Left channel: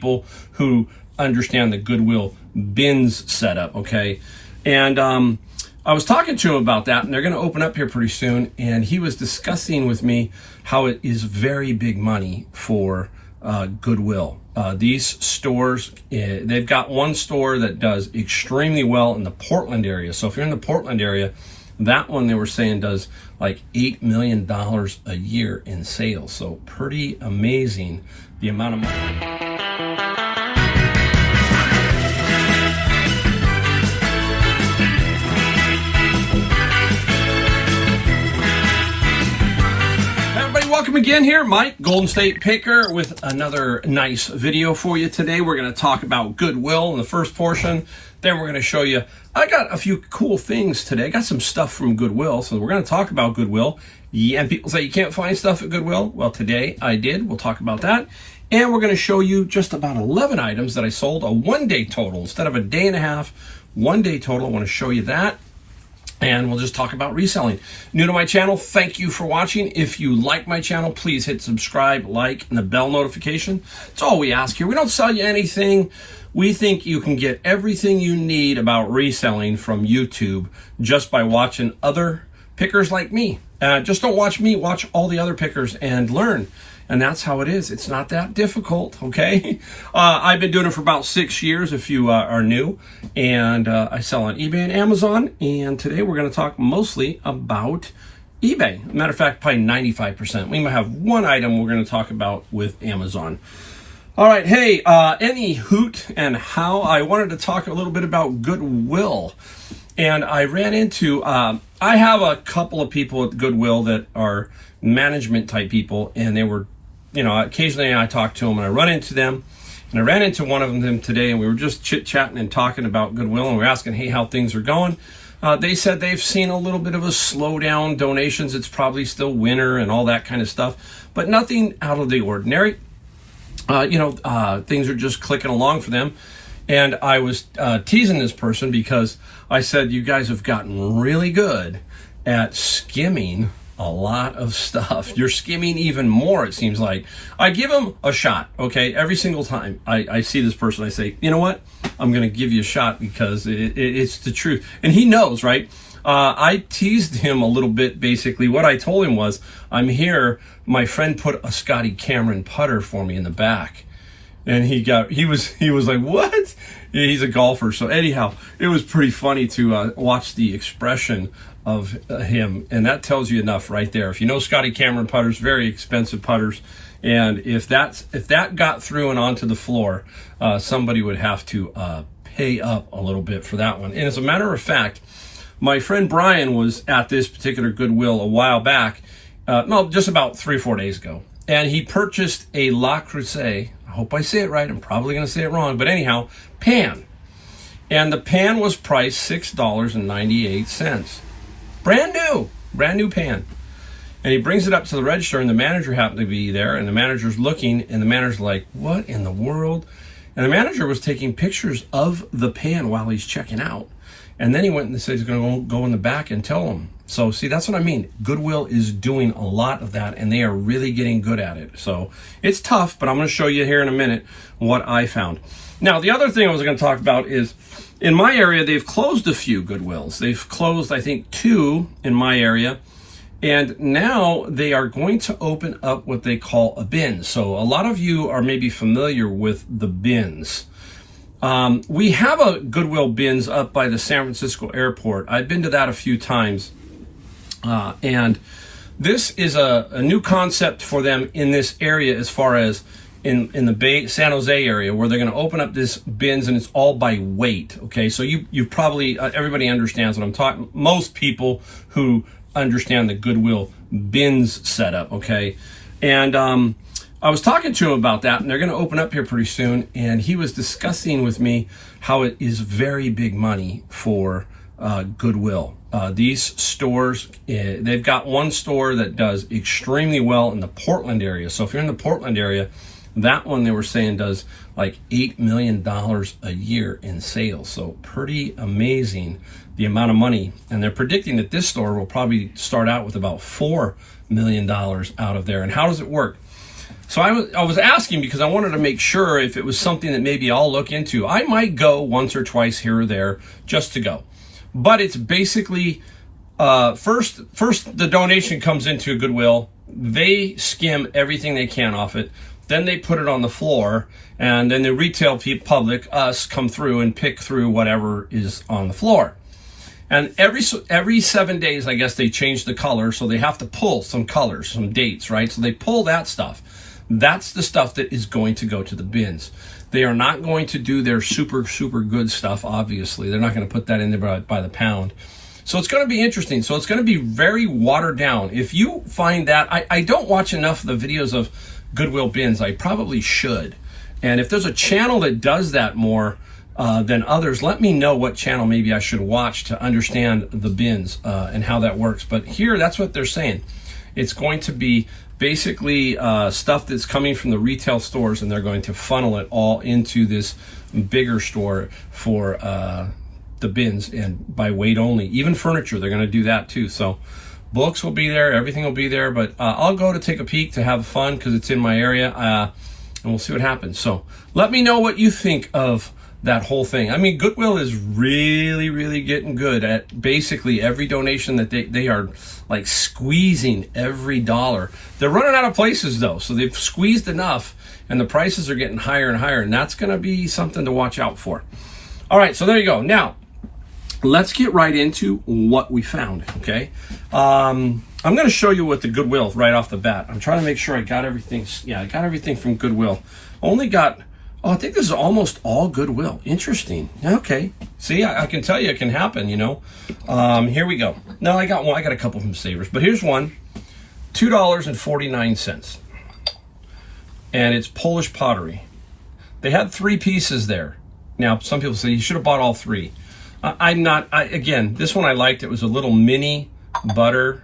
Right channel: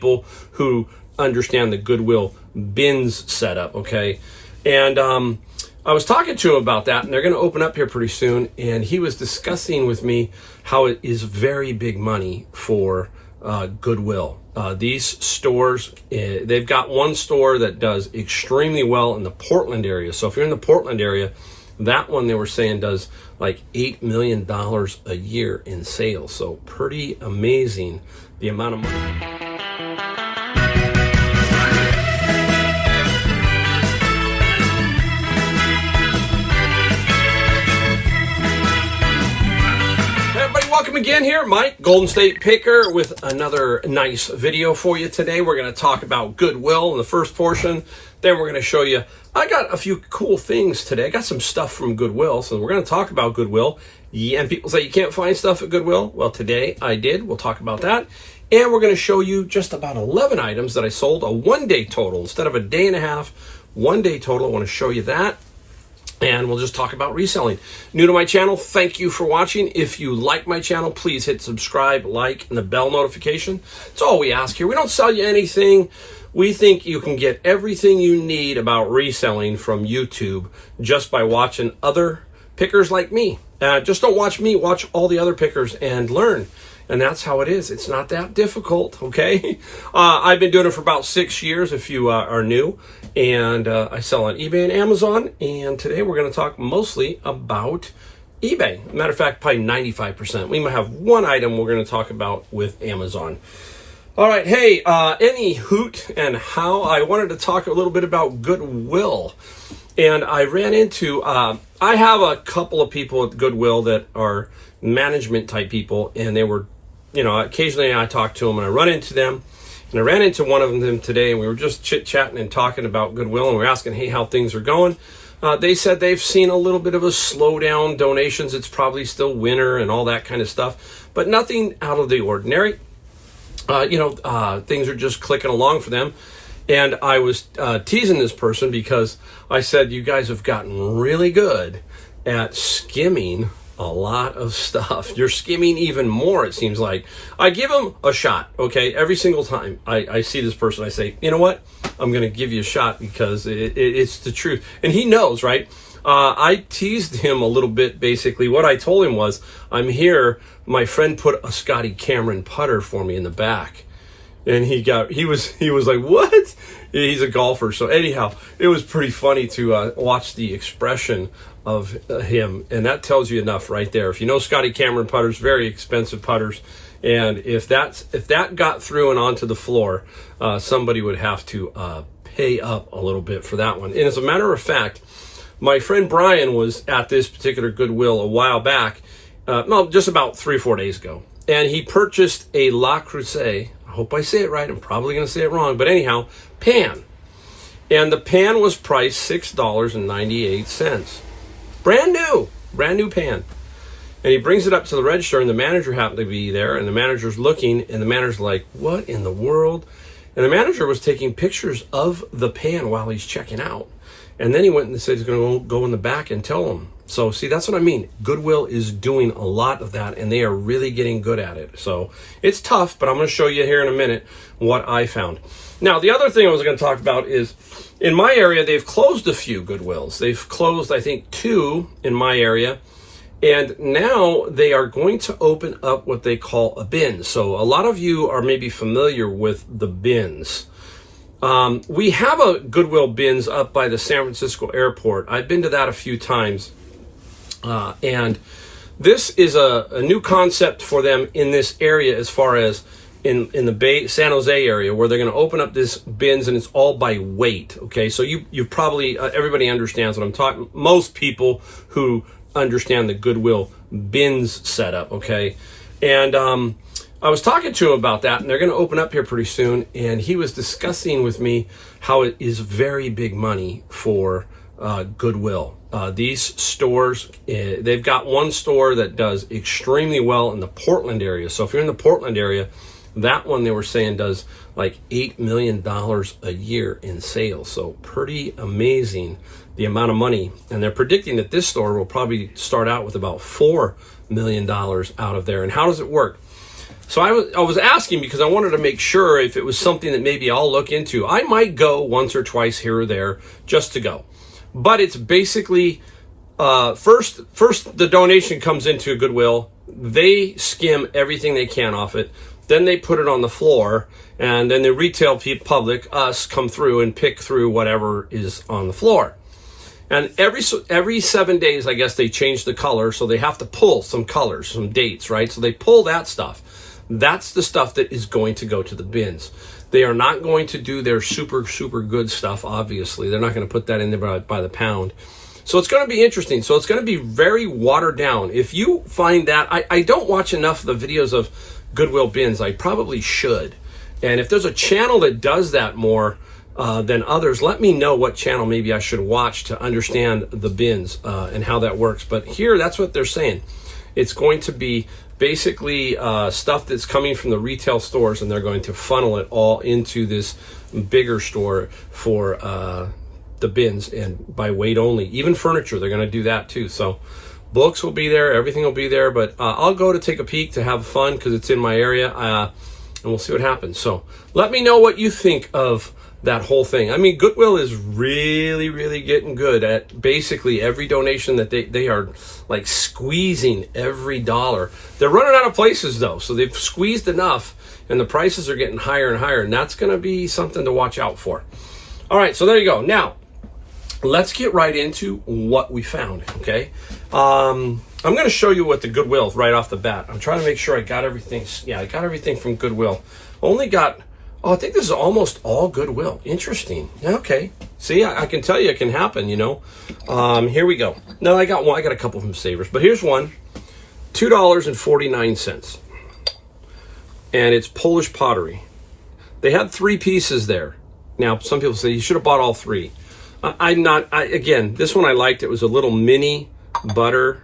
people who understand the Goodwill bins setup, okay? And I was talking to him about that, and they're going to open up here pretty soon, and he was discussing with me how it is very big money for Goodwill. These stores, they've got one store that does extremely well in the Portland area. So if you're in the Portland area, that one they were saying does like $8 million a year in sales. So pretty amazing the amount of money. Welcome again here, Mike, Golden State Picker, with another nice video for you today. We're going to talk about Goodwill in the first portion. Then we're going to show you, I got a few cool things today. I got some stuff from Goodwill, so we're going to talk about Goodwill. Yeah, and people say you can't find stuff at Goodwill. Well, today I did. We'll talk about that. And we're going to show you just about 11 items that I sold, a one-day total. Instead of a day and a half, one-day total. I want to show you that. And we'll just talk about reselling. New to my channel, thank you for watching. If you like my channel, please hit subscribe, like, and the bell notification. That's all we ask here. We don't sell you anything. We think you can get everything you need about reselling from YouTube just by watching other pickers like me. Just don't watch me, watch all the other pickers and learn. And that's how it is. It's not that difficult, okay? I've been doing it for about 6 years if you are new. And I sell on eBay and Amazon. And today we're going to talk mostly about eBay. Matter of fact, probably 95%. We might have one item we're going to talk about with Amazon. All right, hey, any hoot and how, I wanted to talk a little bit about Goodwill. And I ran into, I have a couple of people at Goodwill that are management type people, and they were, you know, occasionally I talk to them and I run into them, and I ran into one of them today, and we were just chit-chatting and talking about Goodwill, and we're asking, hey, how things are going. They said they've seen a little bit of a slowdown, donations, it's probably still winter and all that kind of stuff, but nothing out of the ordinary. Things are just clicking along for them. And I was teasing this person because I said, you guys have gotten really good at skimming a lot of stuff. You're skimming even more, it seems like. I give them a shot, okay? Every single time I see this person, I say, you know what? I'm going to give you a shot because it's the truth. And he knows, right? I teased him a little bit, basically. What I told him was, I'm here. My friend put a Scotty Cameron putter for me in the back. And he was like, what? He's a golfer. So anyhow, it was pretty funny to watch the expression of him. And that tells you enough right there. If you know Scotty Cameron putters, very expensive putters. And if that got through and onto the floor, somebody would have to pay up a little bit for that one. And as a matter of fact, my friend Brian was at this particular Goodwill a while back, just about 3 or 4 days ago. And he purchased a La Creuset. I hope I say it right. I'm probably going to say it wrong. But anyhow, pan. And the pan was priced $6.98. Brand new pan. And he brings it up to the register, and the manager happened to be there, and the manager's looking, and the manager's like, what in the world? And the manager was taking pictures of the pan while he's checking out. And then he went and said he's going to go in the back and tell them. So, see, that's what I mean. Goodwill is doing a lot of that, and they are really getting good at it. So, it's tough, but I'm going to show you here in a minute what I found. Now, the other thing I was going to talk about is, in my area, they've closed a few Goodwills. They've closed, I think, 2 in my area. And now they are going to open up what they call a bin. So, a lot of you are maybe familiar with the bins. We have a Goodwill bins up by the San Francisco airport. I've been to that a few times. And this is a new concept for them in this area, as far as in the Bay, San Jose area, where they're going to open up this bins, and it's all by weight. Okay, so you probably, everybody understands what I'm talking. Most people who understand the Goodwill bins setup. Okay, and I was talking to him about that, and they're going to open up here pretty soon. And he was discussing with me how it is very big money for Goodwill. These stores, they've got one store that does extremely well in the Portland area. So if you're in the Portland area, that one they were saying does like $8 million a year in sales. So pretty amazing the amount of money. And they're predicting that this store will probably start out with about $4 million out of there. And how does it work? So I was asking because I wanted to make sure if it was something that maybe I'll look into. I might go once or twice here or there just to go. But it's basically, first the donation comes into Goodwill. They skim everything they can off it. Then they put it on the floor, and then the retail public, us, come through and pick through whatever is on the floor. And every 7 days, I guess, they change the color, so they have to pull some colors, some dates, right? So they pull that stuff. That's the stuff that is going to go to the bins. They are not going to do their super, super good stuff, obviously. They're not going to put that in there by the pound. So it's going to be interesting. So it's going to be very watered down. If you find that, I don't watch enough of the videos of Goodwill bins. I probably should. And if there's a channel that does that more than others, let me know what channel maybe I should watch to understand the bins and how that works. But here, that's what they're saying. It's going to be basically stuff that's coming from the retail stores, and they're going to funnel it all into this bigger store for the bins, and by weight only. Even furniture, they're going to do that too. So books will be there, everything will be there, but I'll go to take a peek to have fun because it's in my area, and we'll see what happens. So let me know what you think of that whole thing. I mean, Goodwill is really, really getting good at basically every donation that they are like squeezing every dollar. They're running out of places though, so they've squeezed enough and the prices are getting higher and higher, and that's going to be something to watch out for. All right, so there you go. Now, let's get right into what we found, okay? I'm going to show you what the Goodwill right off the bat. I'm trying to make sure I got everything. Yeah, I got everything from Goodwill. Only got, I think this is almost all Goodwill. Interesting. Okay. See, I can tell you it can happen, you know. Here we go. No, I got one. I got a couple from Savers, but here's one. $2.49. And it's Polish pottery. They had 3 pieces there. Now, some people say you should have bought all 3. Again, this one I liked. It was a little mini butter.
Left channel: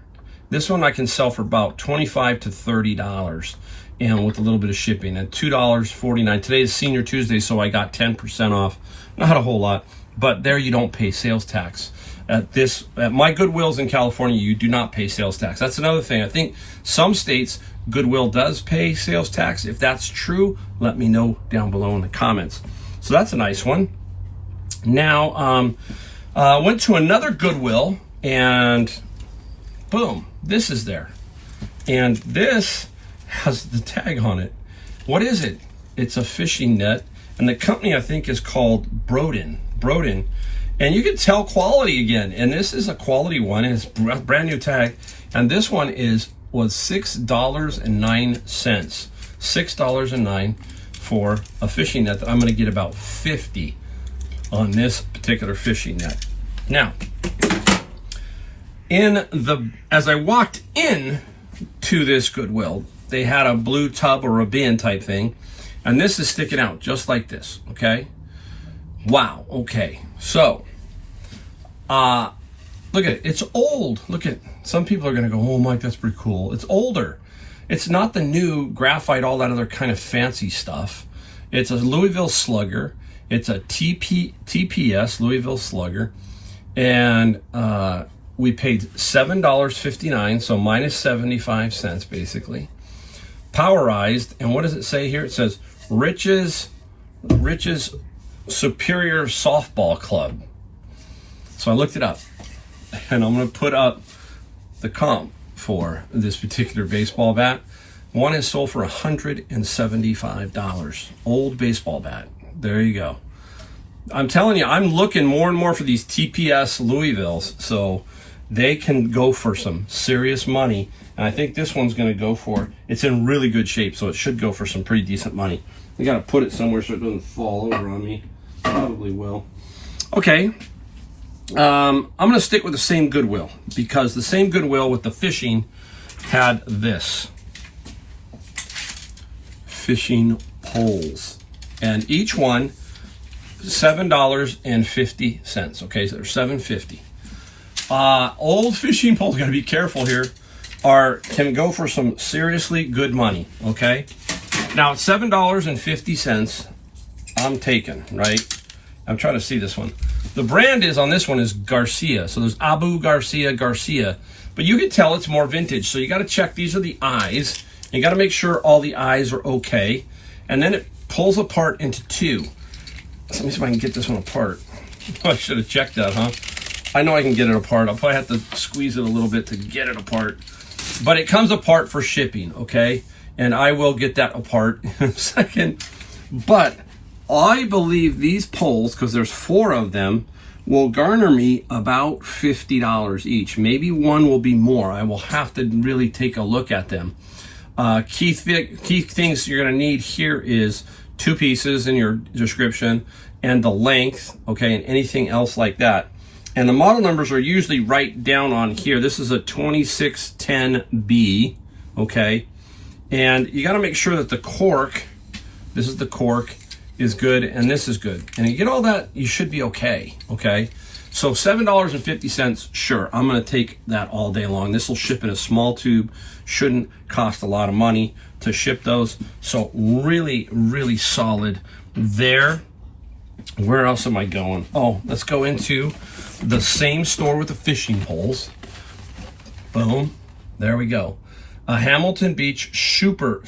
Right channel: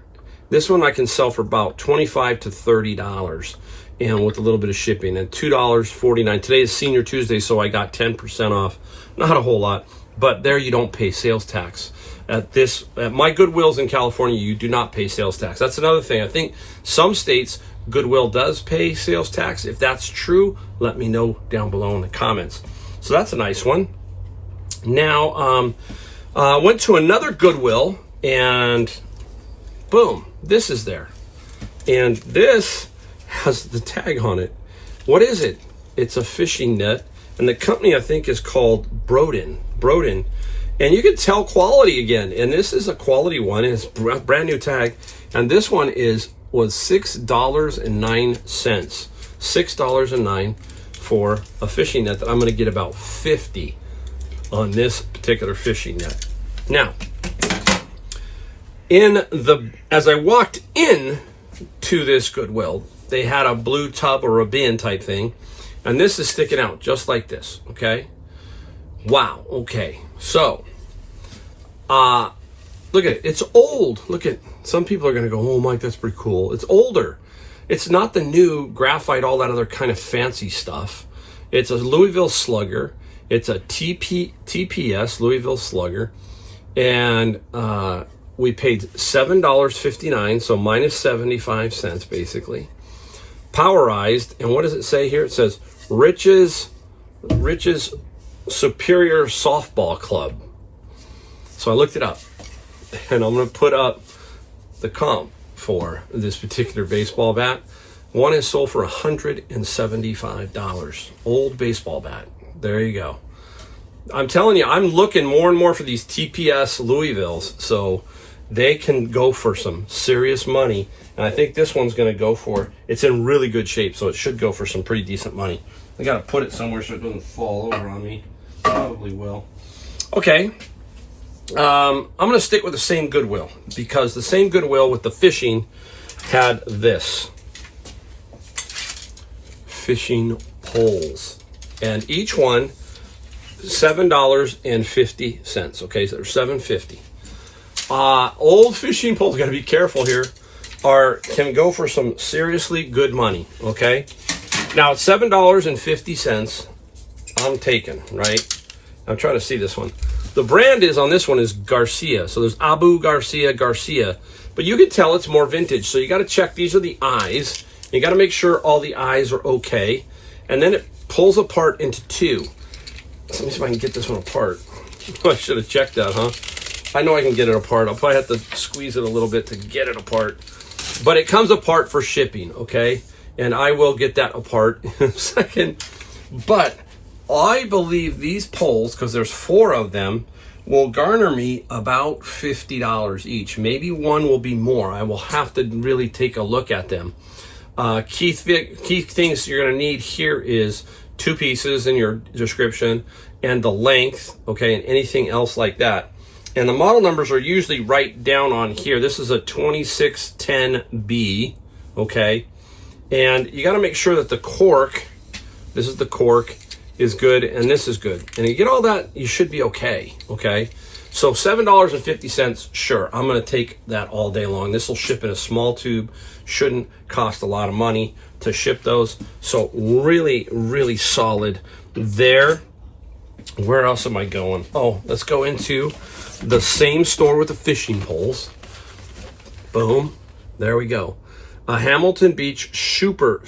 This one I can sell for about $25 to $30, and with a little bit of shipping. And $2.49. Today is Senior Tuesday, so I got 10% off. Not a whole lot, but there you don't pay sales tax. At my Goodwills in California, you do not pay sales tax. That's another thing. I think some states Goodwill does pay sales tax. If that's true, let me know down below in the comments. So that's a nice one. Now, went to another Goodwill, and boom, this is there. And this has the tag on it. What is it? It's a fishing net, and the company I think is called Broden. And you can tell quality again, and this is a quality one. It's a brand new tag, and this one was $6.09. $6.09 for a fishing net that I'm going to get about 50 on this particular fishing net. Now, as I walked in to this Goodwill, they had a blue tub or a bin type thing, and this is sticking out just like this. Okay, wow. Okay, so look at it. It's old. Look at, some people are going to go, oh Mike, that's pretty cool. It's older. It's not the new graphite, all that other kind of fancy stuff. It's a Louisville Slugger. It's a TPS Louisville Slugger, and we paid $7.59, so minus 75 cents basically. Powerized, and what does it say here? It says Rich's Superior Softball Club. So I looked it up, and I'm going to put up the comp for this particular baseball bat. One is sold for $175. Old baseball bat. There you go. I'm telling you, I'm looking more and more for these TPS Louisvilles, so they can go for some serious money. And I think this one's going to go for, it's in really good shape, so it should go for some pretty decent money. I got to put it somewhere so it doesn't fall over on me. Probably will. Okay. I'm going to stick with the same Goodwill, because the same Goodwill with the fishing had this. Fishing poles. And each one, $7.50. Okay, so they're $7.50. Old fishing poles, gotta be careful here, can go for some seriously good money. Okay, now it's $7.50. I'm taking, right? I'm trying to see this one. The brand on this one is Garcia. So there's Abu Garcia, but you can tell it's more vintage. So you got to check. These are the eyes, You got to make sure all the eyes are okay. And then it pulls apart into two. Let me see if I can get this one apart. I should have checked that, huh? I know I can get it apart. I'll probably have to squeeze it a little bit to get it apart. But it comes apart for shipping, okay? And I will get that apart in a second. But I believe these poles, because there's 4 of them, will garner me about $50 each. Maybe one will be more. I will have to really take a look at them. Key things you're going to need here is 2 pieces in your description and the length, okay, and anything else like that. And the model numbers are usually right down on here. This is a 2610B, okay? And you got to make sure that the cork, this is the cork, is good, and this is good. And you get all that, you should be okay, okay? So $7.50, sure, I'm gonna take that all day long. This will ship in a small tube, shouldn't cost a lot of money to ship those. So really, really solid there. Where else am I going? Oh, let's go into the same store with the fishing poles. Boom, there we go. A Hamilton Beach super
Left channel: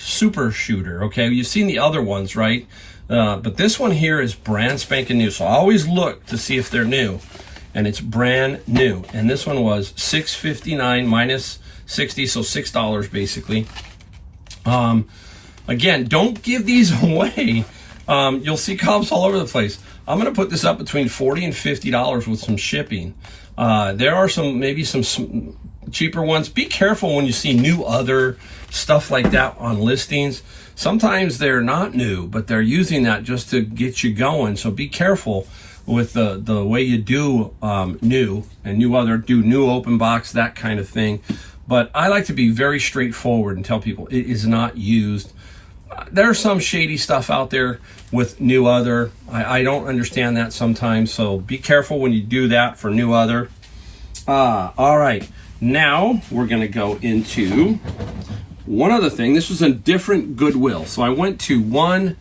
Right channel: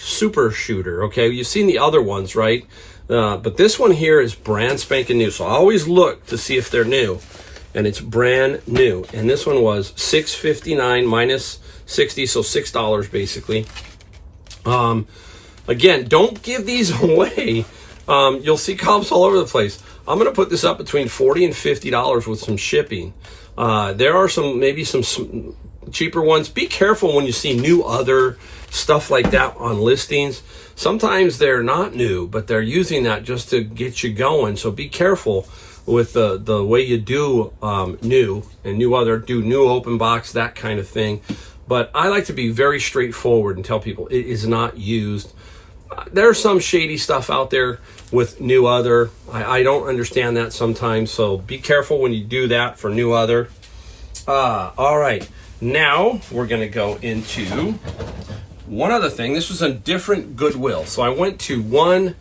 shooter, okay? You've seen the other ones, right? But this one here is brand spanking new. So I always look to see if they're new, and it's brand new. And this one was $6.59 minus 60, so $6 basically. Again, don't give these away. You'll see comps all over the place. I'm gonna put this up between $40 and $50 with some shipping. There are maybe some cheaper ones. Be careful when you see new other stuff like that on listings. Sometimes they're not new, but they're using that just to get you going. So be careful with the way you do new and new other, do new open box, that kind of thing. But I like to be very straightforward and tell people it is not used. There's some shady stuff out there with new other. I don't understand that sometimes. So be careful when you do that for new other. All right, now we're gonna go into one other thing. This was a different Goodwill. So I went to 3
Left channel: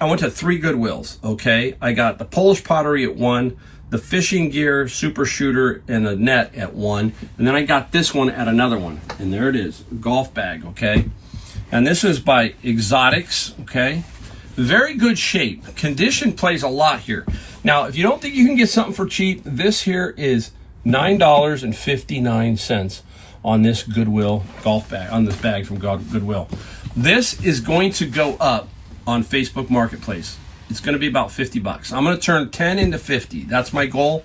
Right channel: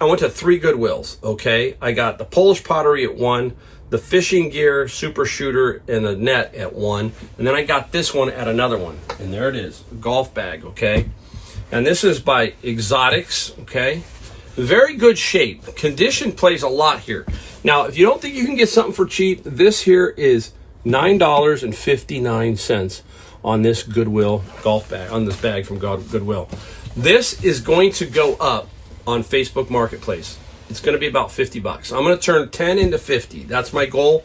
Goodwills, okay? I got the Polish pottery at 1, the fishing gear, super shooter, and a net at 1. And then I got this one at another one. And there it is, a golf bag, okay? And this is by Exotics, okay? Very good shape. Condition plays a lot here. Now, if you don't think you can get something for cheap, this here is $9.59 on this Goodwill golf bag, on this bag from Goodwill. This is going to go up on Facebook Marketplace. It's going to be about $50. I'm going to turn 10 into 50. That's my goal.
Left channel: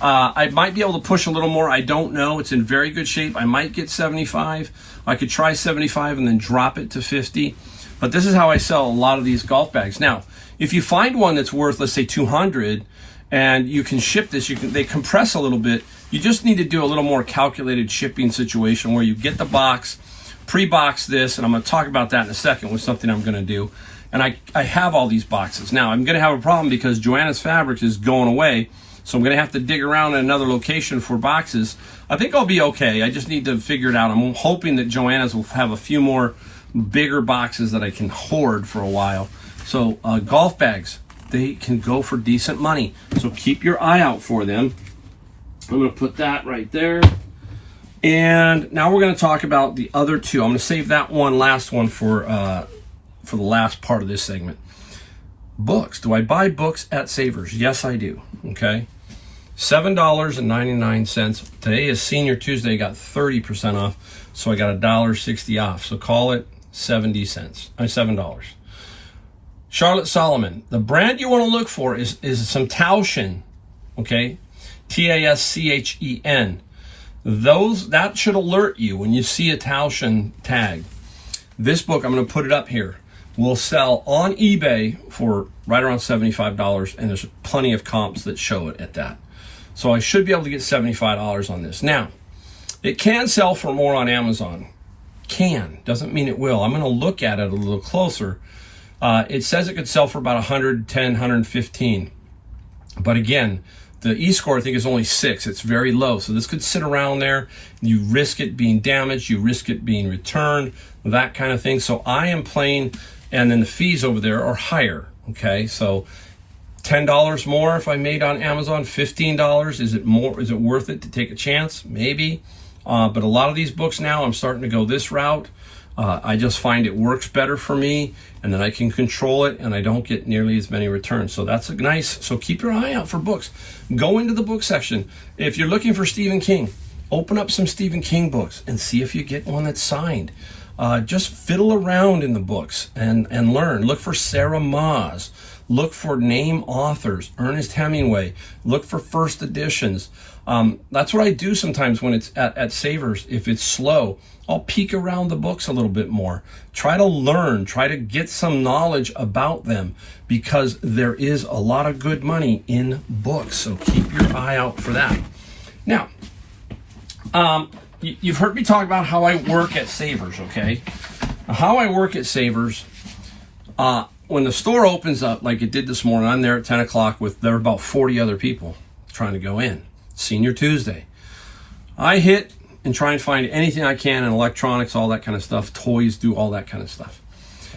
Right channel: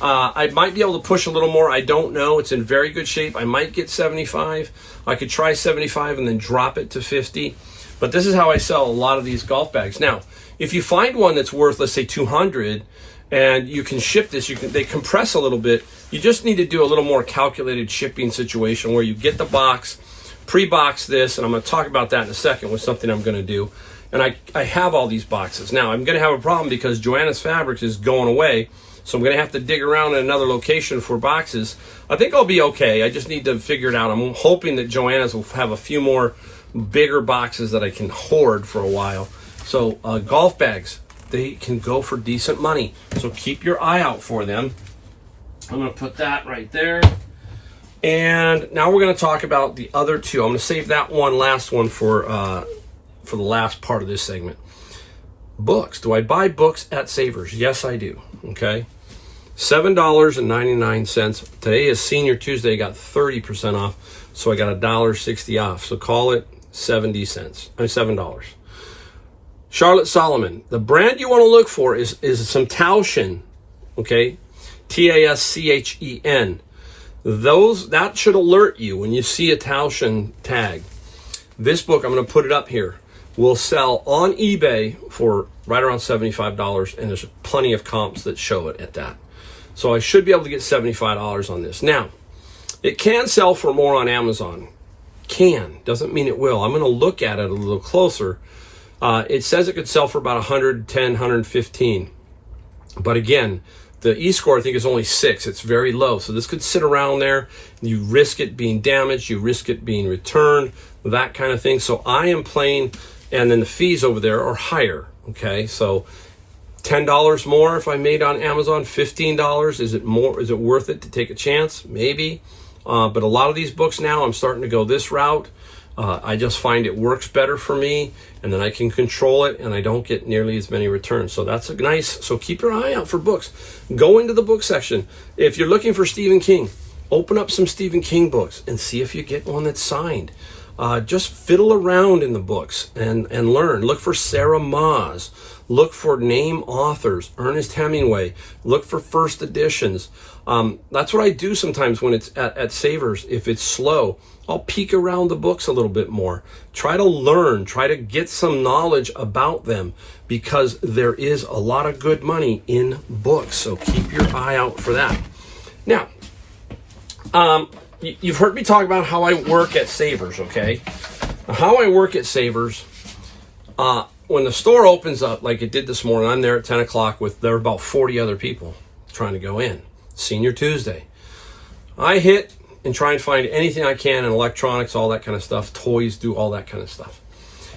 I might be able to push a little more. I don't know. It's in very good shape. I might get 75. I could try 75 and then drop it to 50. But this is how I sell a lot of these golf bags. Now, if you find one that's worth, let's say 200, and you can ship this, they compress a little bit. You just need to do a little more calculated shipping situation where you get the box, pre-box this, and I'm going to talk about that in a second with something I'm going to do. And I have all these boxes. Now, I'm going to have a problem because Joanna's Fabrics is going away, so I'm going to have to dig around in another location for boxes. I think I'll be okay. I just need to figure it out. I'm hoping that Joanna's will have a few more bigger boxes that I can hoard for a while. So golf bags, they can go for decent money. So keep your eye out for them. I'm going to put that right there. And now we're going to talk about the other 2. I'm going to save that last one for the last part of this segment. Books. Do I buy books at Savers? Yes, I do. Okay. $7.99. Today is Senior Tuesday. I got 30% off. So I got $1.60 off. So call it 70 cents. $7. Charlotte Solomon. The brand you want to look for is some Tauschen. Okay. Taschen. That should alert you when you see a Tauschen tag. This book, I'm going to put it up here, will sell on eBay for right around $75, and there's plenty of comps that show it at that. So I should be able to get $75 on this. Now, it can sell for more on Amazon. Can. Doesn't mean it will. I'm going to look at it a little closer. It says it could sell for about 110, 115. But again, the E-score, I think, is only 6. It's very low. So this could sit around there. You risk it being damaged. You risk it being returned, that kind of thing. So I am playing, and then the fees over there are higher. Okay, so $10 more if I made on Amazon, $15. Is it more? Is it worth it to take a chance? Maybe. But a lot of these books now, I'm starting to go this route. I just find it works better for me, and then I can control it, and I don't get nearly as many returns. So that's nice. So keep your eye out for books. Go into the book section. If you're looking for Stephen King, open up some Stephen King books and see if you get one that's signed. Just fiddle around in the books and learn. Look for Sarah Maas. Look for name authors, Ernest Hemingway. Look for first editions. That's what I do sometimes when it's at Savers. If it's slow, I'll peek around the books a little bit more. Try to learn, try to get some knowledge about them, because there is a lot of good money in books. So keep your eye out for that. Now, you've heard me talk about how I work at Savers, okay? How I work at Savers, when the store opens up, like it did this morning, I'm there at 10 o'clock there are about 40 other people trying to go in. Senior Tuesday. I hit and try and find anything I can in electronics, all that kind of stuff, toys, do all that kind of stuff.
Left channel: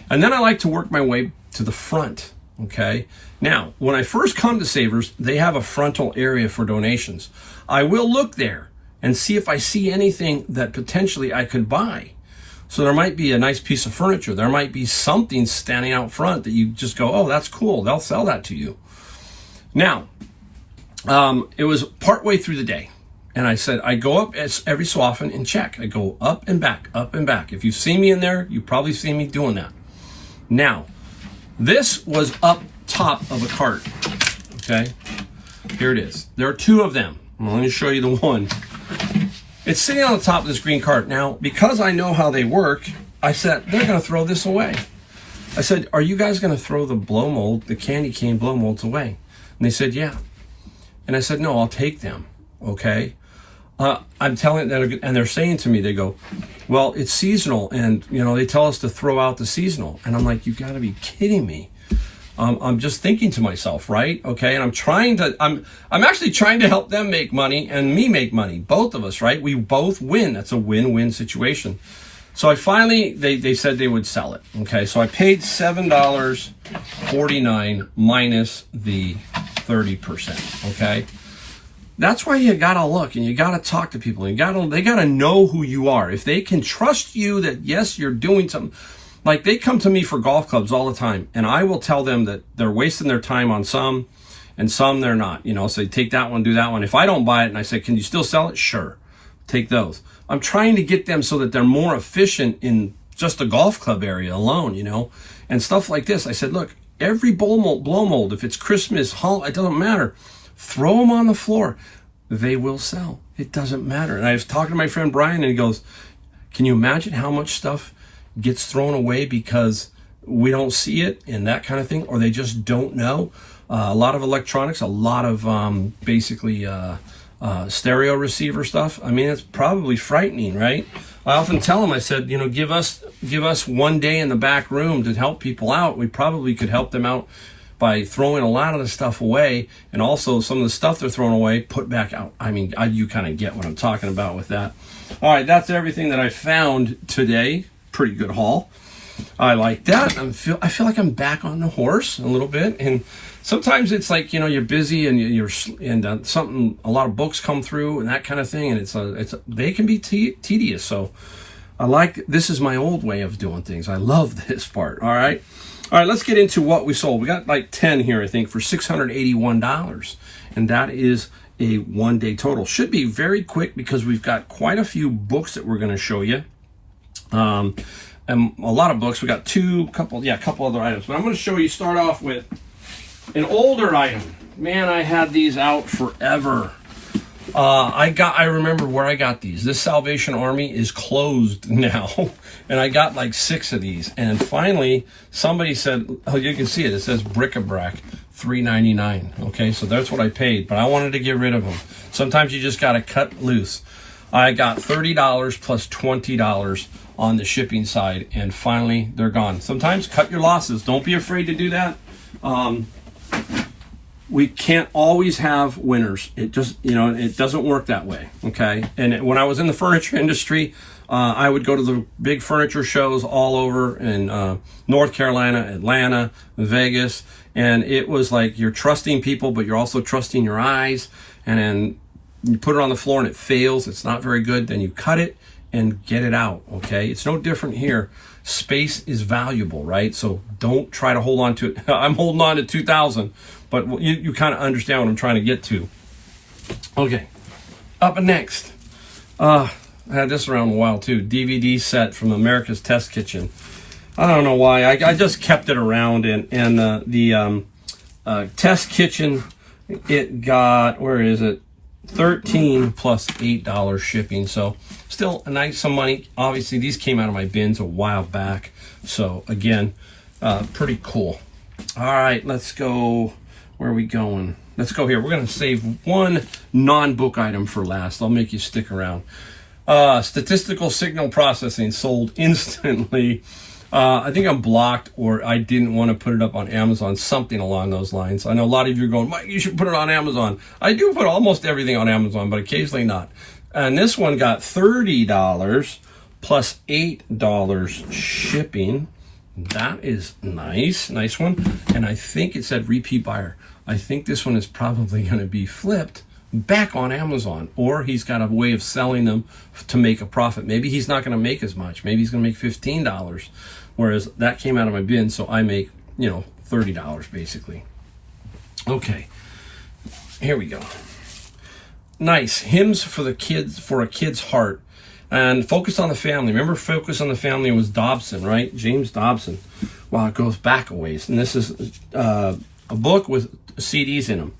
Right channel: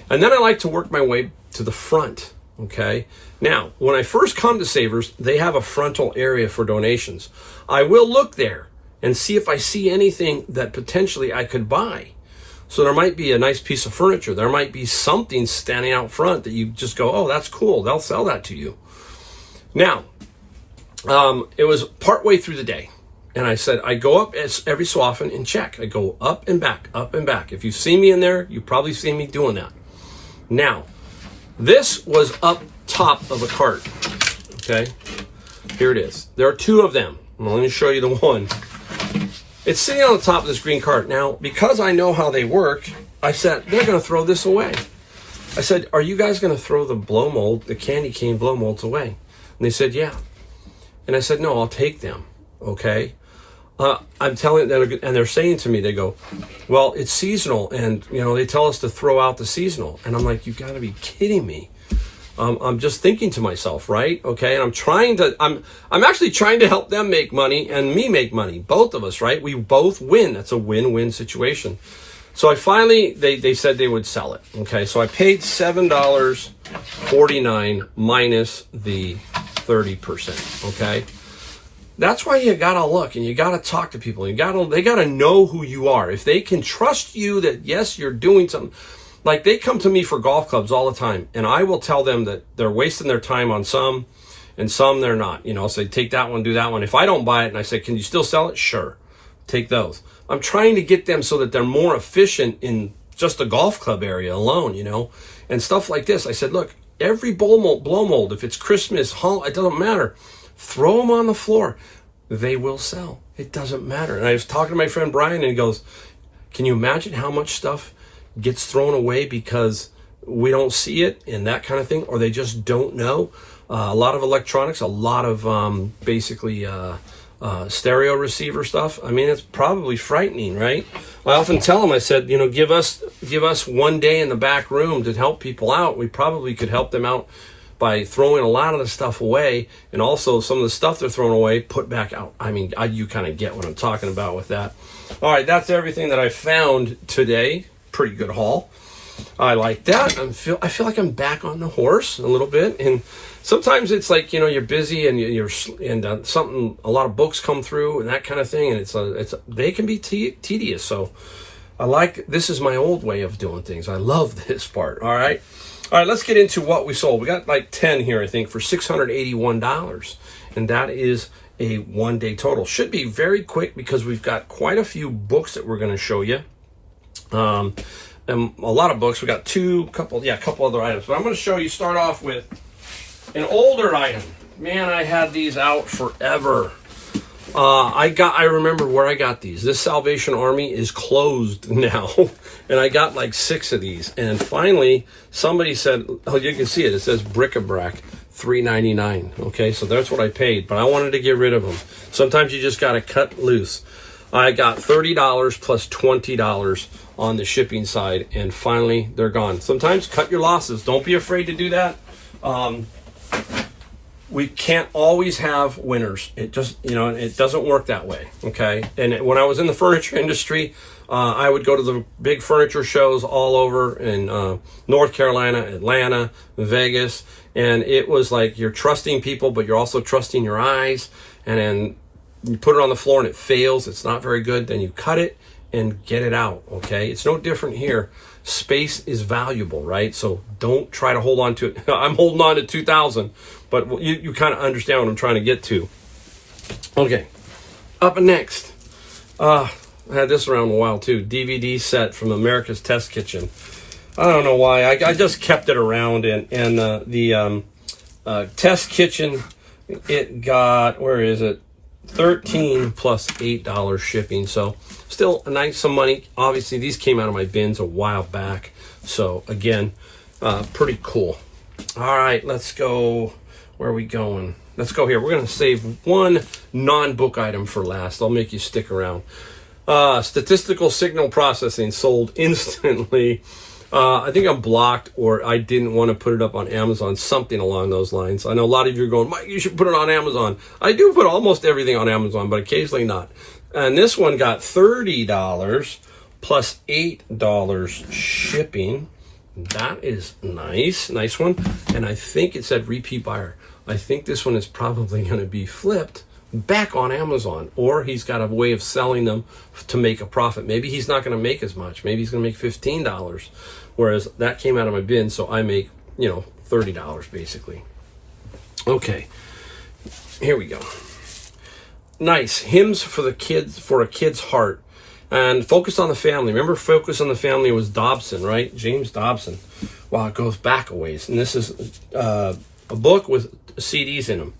And then I like to work my way to the front, okay? Now, when I first come to Savers, they have a frontal area for donations. I will look there and see if I see anything that potentially I could buy. So there might be a nice piece of furniture. There might be something standing out front that you just go, oh, that's cool. They'll sell that to you. Now, it was partway through the day. And I said, I go up every so often and check. I go up and back, up and back. If you've seen me in there, you've probably seen me doing that. Now, this was up top of a cart, okay? Here it is. There are two of them. I'm going to show you the one. It's sitting on the top of this green cart. Now, because I know how they work, I said, they're going to throw this away. I said, are you guys going to throw the blow mold, the candy cane blow molds away? And they said, yeah. And I said, no, I'll take them, okay? I'm telling them, and they're saying to me, they go, well, it's seasonal, and they tell us to throw out the seasonal. And I'm like, you got to be kidding me. I'm just thinking to myself, right? Okay, and I'm actually trying to help them make money and me make money, both of us, right? We both win. That's a win-win situation. So I finally, they said they would sell it. Okay, so I paid $7.49 minus the 30%. Okay. That's why you gotta look and you gotta talk to people. They gotta know who you are. If they can trust you that yes, you're doing something. Like they come to me for golf clubs all the time, and I will tell them that they're wasting their time on some, and some they're not. So take that one, do that one. If I don't buy it, and I say, can you still sell it? Sure, take those. I'm trying to get them so that they're more efficient in just the golf club area alone, and stuff like this. I said, look, every blow mold, if it's Christmas, it doesn't matter. Throw them on the floor. They will sell. It doesn't matter. And I was talking to my friend Brian, and he goes, can you imagine how much stuff gets thrown away because we don't see it and that kind of thing, or they just don't know? A lot of electronics, a lot of basically stereo receiver stuff. I mean, it's probably frightening, right? I often tell them, I said, give us one day in the back room to help people out. We probably could help them out by throwing a lot of the stuff away, and also some of the stuff they're throwing away, put back out. I mean, you kind of get what I'm talking about with that. All right, that's everything that I found today. Pretty good haul. I like that. I feel like I'm back on the horse a little bit, and sometimes it's like you're busy and a lot of books come through and that kind of thing, and they can be tedious. So this is my old way of doing things. I love this part. All right, let's get into what we sold. We got like 10 here, I think, for $681, and that is a one-day total. Should be very quick because we've got quite a few books that we're going to show you. And a lot of books. We got a couple other items, but I'm going to show you. Start off with an older item. Man, I had these out forever. I remember where I got these. This Salvation Army is closed now, and I got like 6 of these. And finally, somebody said, "Oh, you can see it. It says bric-a-brac, $3.99." Okay, so that's what I paid, but I wanted to get rid of them. Sometimes you just got to cut loose. I got $30 plus $20 on the shipping side, and finally they're gone. Sometimes cut your losses. Don't be afraid to do that. We can't always have winners. It just, it doesn't work that way. Okay. And when I was in the furniture industry, I would go to the big furniture shows all over in North Carolina, Atlanta, Vegas. And it was like you're trusting people, but you're also trusting your eyes. And then you put it on the floor and it fails. It's not very good. Then you cut it and get it out, okay? It's no different here. Space is valuable, right? So don't try to hold on to it. I'm holding on to 2,000, but you kind of understand what I'm trying to get to. Okay, up next. I had this around a while too. DVD set from America's Test Kitchen. I don't know why. I just kept it around, and the Test Kitchen, it got, where is it? $13 plus $8 shipping. So still a nice sum of money. Obviously, these came out of my bins a while back. So again, pretty cool. All right, let's go. Where are we going? Let's go here. We're going to save one non-book item for last. I'll make you stick around. Statistical signal processing sold instantly. I think I'm blocked, or I didn't want to put it up on Amazon, something along those lines. I know a lot of you are going, Mike, you should put it on Amazon. I do put almost everything on Amazon, but occasionally not. And this one got $30 plus $8 shipping. That is nice. Nice one. And I think it said repeat buyer. I think this one is probably going to be flipped back on Amazon, or he's got a way of selling them to make a profit. Maybe he's not going to make as much. Maybe he's going to make $15, whereas that came out of my bin, so I make, $30 basically. Okay, here we go. Nice hymns for the kids, for a kid's heart, and Focus on the Family. Remember, Focus on the Family was Dobson, right? James Dobson. Wow, it goes back a ways, and this is a book with CDs in them.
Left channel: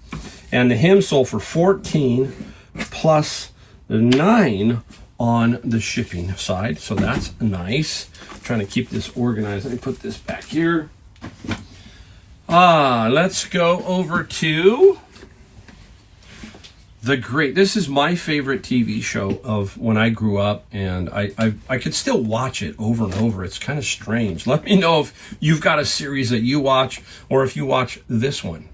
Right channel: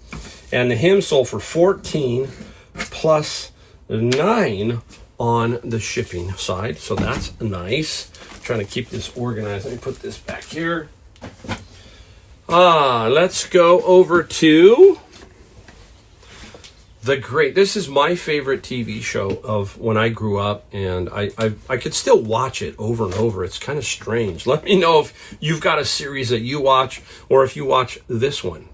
And the hymn sold for $14 plus $9 on the shipping side. So that's nice. I'm trying to keep this organized. Let me put this back here. Let's go over to this is my favorite TV show of when I grew up, and I could still watch it over and over. It's kind of strange. Let me know if you've got a series that you watch, or if you watch this one.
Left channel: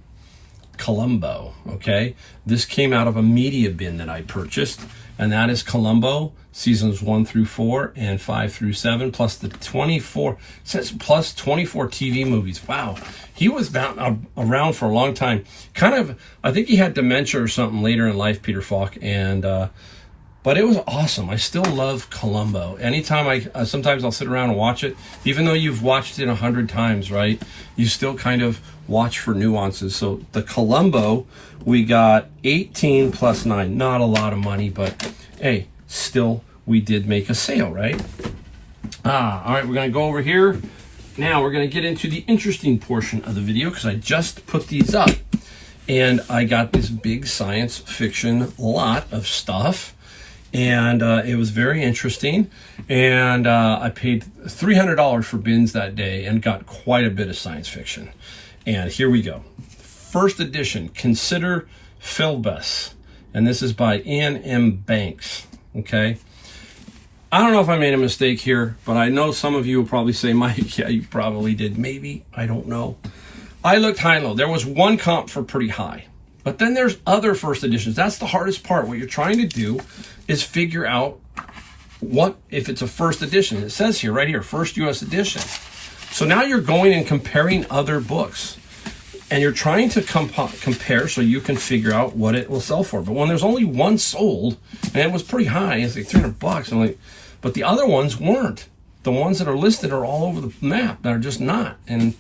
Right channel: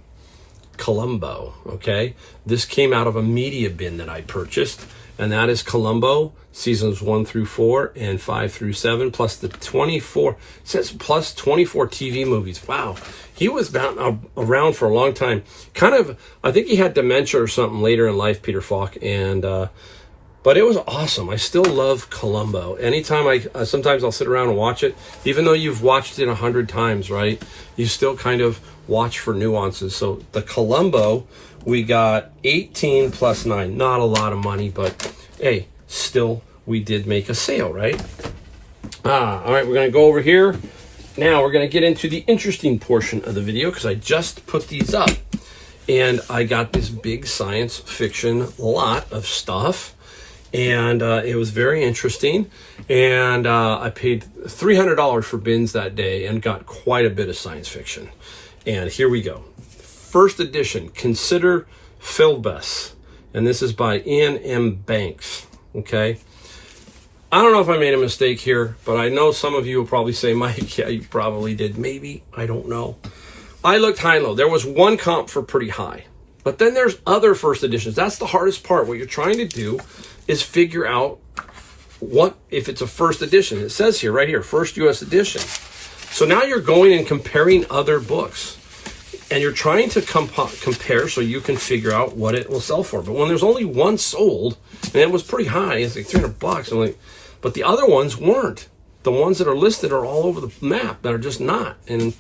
Columbo, okay? This came out of a media bin that I purchased, and that is Columbo, seasons 1 through 4 and 5 through 7, plus the 24, it says plus 24 TV movies. Wow. He was around for a long time. Kind of, I think he had dementia or something later in life, Peter Falk, and but it was awesome. I still love Columbo. Anytime sometimes I'll sit around and watch it, even though you've watched it 100 times, right? You still kind of watch for nuances. So the Columbo, we got 18 plus 9. Not a lot of money, but hey, still we did make a sale, right? All right, we're going to go over here. Now we're going to get into the interesting portion of the video, because I just put these up. And I got this big science fiction lot of stuff. And it was very interesting, and I paid $300 for bins that day and got quite a bit of science fiction. And here we go. First edition, Consider Philbus, and this is by Ian M. Banks, okay? I don't know if I made a mistake here, but I know some of you will probably say, Mike, yeah, you probably did. Maybe, I don't know. I looked high and low. There was one comp for pretty high, but then there's other first editions. That's the hardest part. What you're trying to do is figure out what, if it's a first edition. It says here, right here, first U.S. edition. So now you're going and comparing other books, and you're trying to compare so you can figure out what it will sell for. But when there's only one sold, and it was pretty high, it's like $300, I'm like, but the other ones weren't. The ones that are listed are all over the map that are just not, and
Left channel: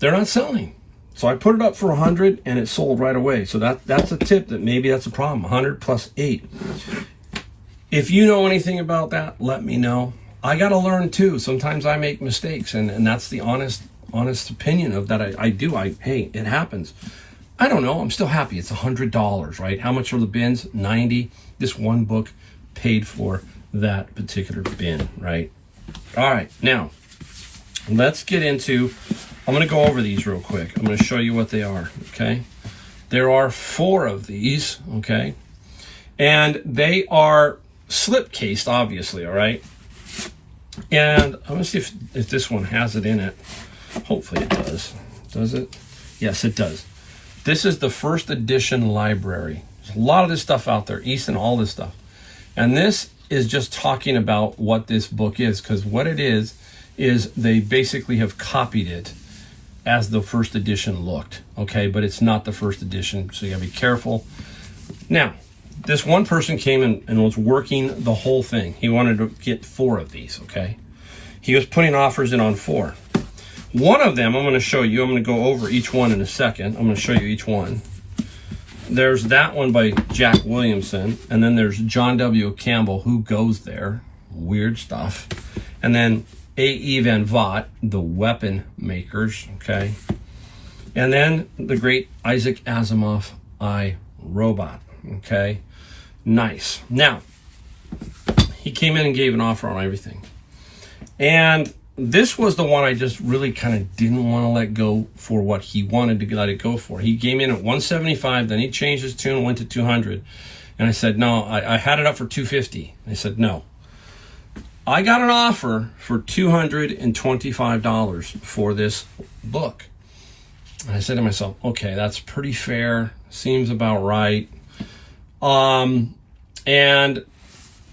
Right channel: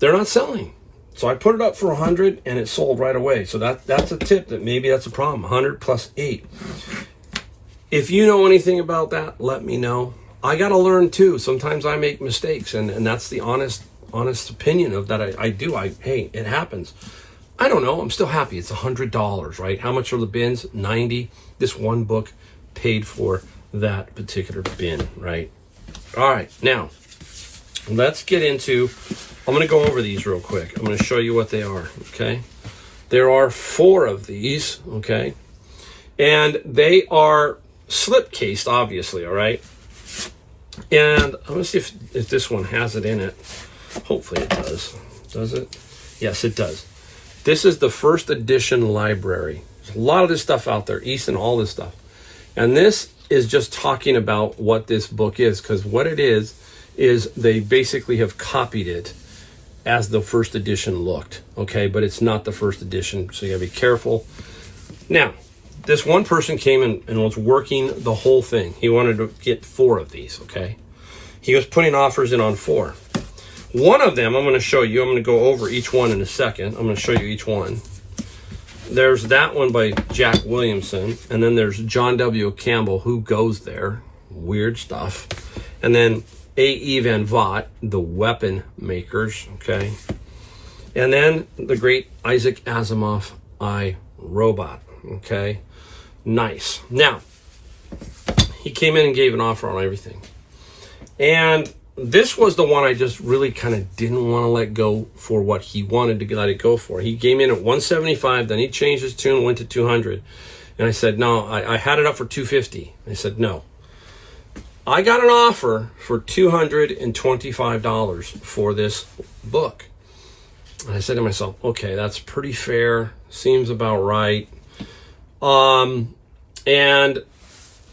they're not selling. So I put it up for 100, and it sold right away. So that's a tip that maybe that's a problem. 100 plus 8. If you know anything about that, let me know. I got to learn too. Sometimes I make mistakes, and that's the honest opinion of that. I do. Hey, it happens. I don't know. I'm still happy. It's $100, right? How much are the bins? 90. This one book paid for that particular bin, right? All right. Now, let's get into, I'm going to go over these real quick. I'm going to show you what they are, okay? There are 4 of these, okay? And they are slip cased, obviously, all right? And I'm going to see if this one has it in it. Hopefully it does. Does it? Yes, it does. This is the first edition library. There's a lot of this stuff out there, Easton, all this stuff. And this is just talking about what this book is, because what it is they basically have copied it as the first edition looked, okay? But it's not the first edition, so you gotta be careful. Now, this one person came in and was working the whole thing. He wanted to get 4 of these, okay? He was putting offers in on 4. One of them, I'm going to show you. I'm going to go over each one in a second. I'm going to show you each one. There's that one by Jack Williamson. And then there's John W. Campbell, Who Goes There? Weird stuff. And then A.E. Van Vogt, The Weapon Makers, okay? And then the great Isaac Asimov, I, Robot, okay? Nice. Now, he came in and gave an offer on everything. And this was the one I just really kind of didn't want to let go for what he wanted to let it go for. He came in at 175, then he changed his tune, went to 200. And I said, no, I had it up for 250. I said, no. I got an offer for $225 for this book. And I said to myself, okay, that's pretty fair. Seems about right. And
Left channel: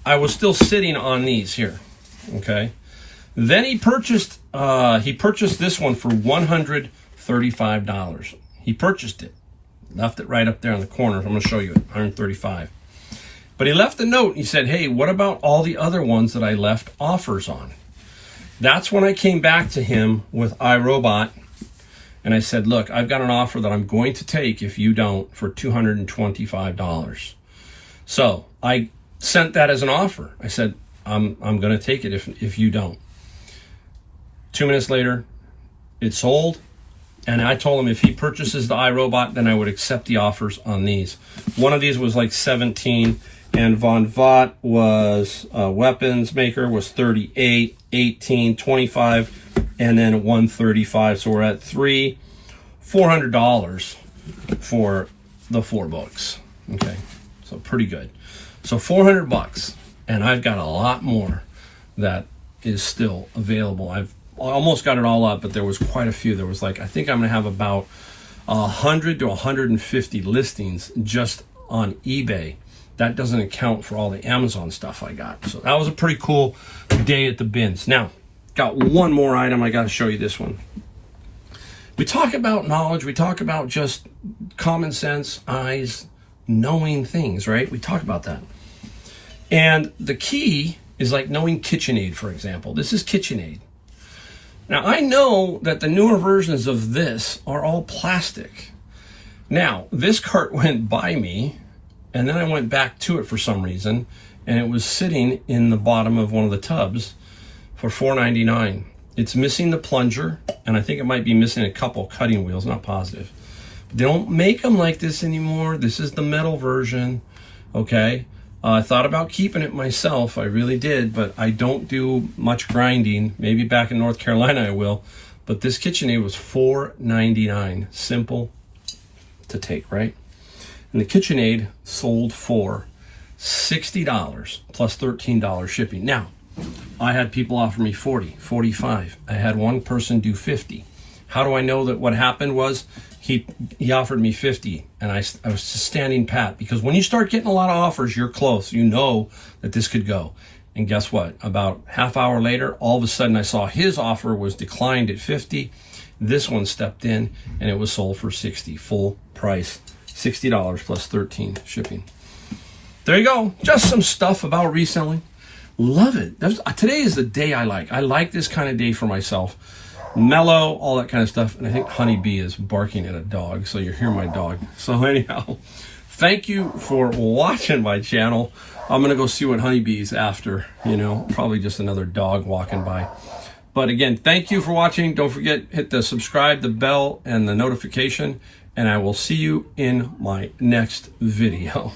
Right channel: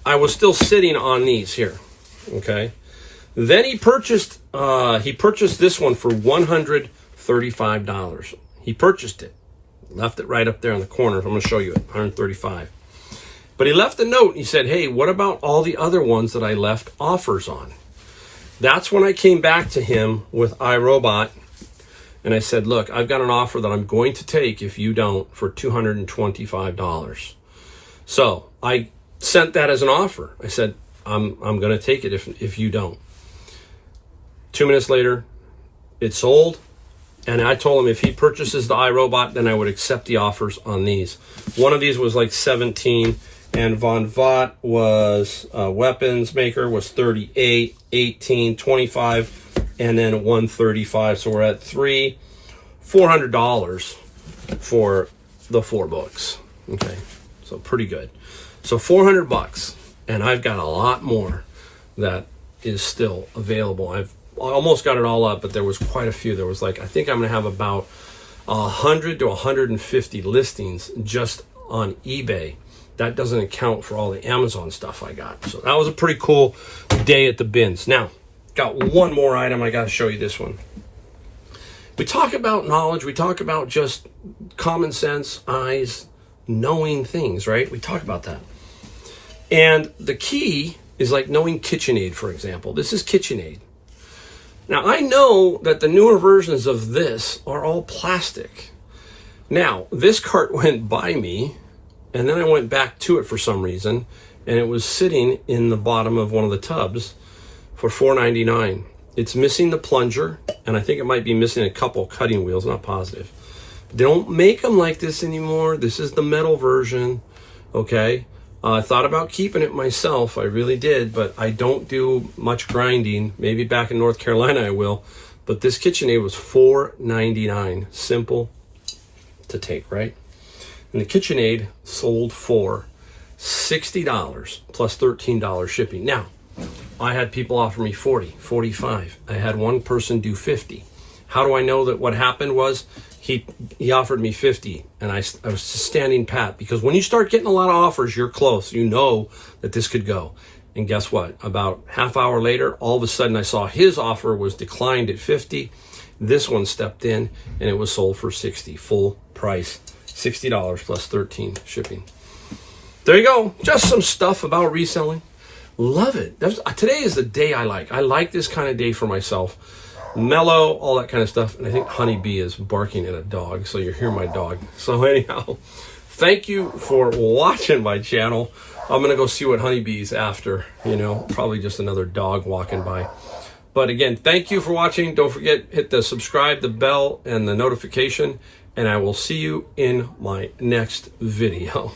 I was still sitting on these here, okay? Then he purchased this one for $135. He purchased it, left it right up there in the corner. I'm going to show you it, $135. But he left a note. He said, hey, what about all the other ones that I left offers on? That's when I came back to him with iRobot, and I said, look, I've got an offer that I'm going to take if you don't for $225. So I sent that as an offer. I said, I'm going to take it if you don't. 2 minutes later, it sold, and I told him if he purchases the iRobot, then I would accept the offers on these. One of these was like 17, and Von Vogt was weapons maker was 38, 18, 25, and then 135. So we're at $400 for the 4 books. Okay, so pretty good. So $400, and I've got a lot more that is still available. I've almost got it all up, but there was quite a few. There was like, I think I'm going to have about 100 to 150 listings just on eBay. That doesn't account for all the Amazon stuff I got. So that was a pretty cool day at the bins. Now, got one more item. I got to show you this one. We talk about knowledge. We talk about just common sense, eyes, knowing things, right? We talk about that. And the key is like knowing KitchenAid, for example. This is KitchenAid. Now, I know that the newer versions of this are all plastic. Now, this cart went by me, and then I went back to it for some reason, and it was sitting in the bottom of one of the tubs for $4.99. It's missing the plunger, and I think it might be missing a couple cutting wheels, not positive. They don't make them like this anymore. This is the metal version, okay? I thought about keeping it myself. I really did, but I don't do much grinding. Maybe back in North Carolina I will. But this KitchenAid was $4.99. Simple to take, right? And the KitchenAid sold for $60 plus $13 shipping. Now, I had people offer me $40, $45. I had one person do $50. How do I know that what happened was he offered me $50, and I was standing pat, because when you start getting a lot of offers, you're close. You know that this could go. And guess what? About half hour later, all of a sudden I saw his offer was declined at $50. This one stepped in, and it was sold for $60, full price, $60 plus $13 shipping. There you go. Just some stuff about reselling. Love it. Today is the day I like. I like this kind of day for myself. Mellow, all that kind of stuff. And I think Honeybee is barking at a dog, so you hear my dog. So anyhow, thank you for watching my channel. I'm going to go see what Honeybee's after, probably just another dog walking by. But again, thank you for watching. Don't forget, hit the subscribe, the bell, and the notification, and I will see you in my next video.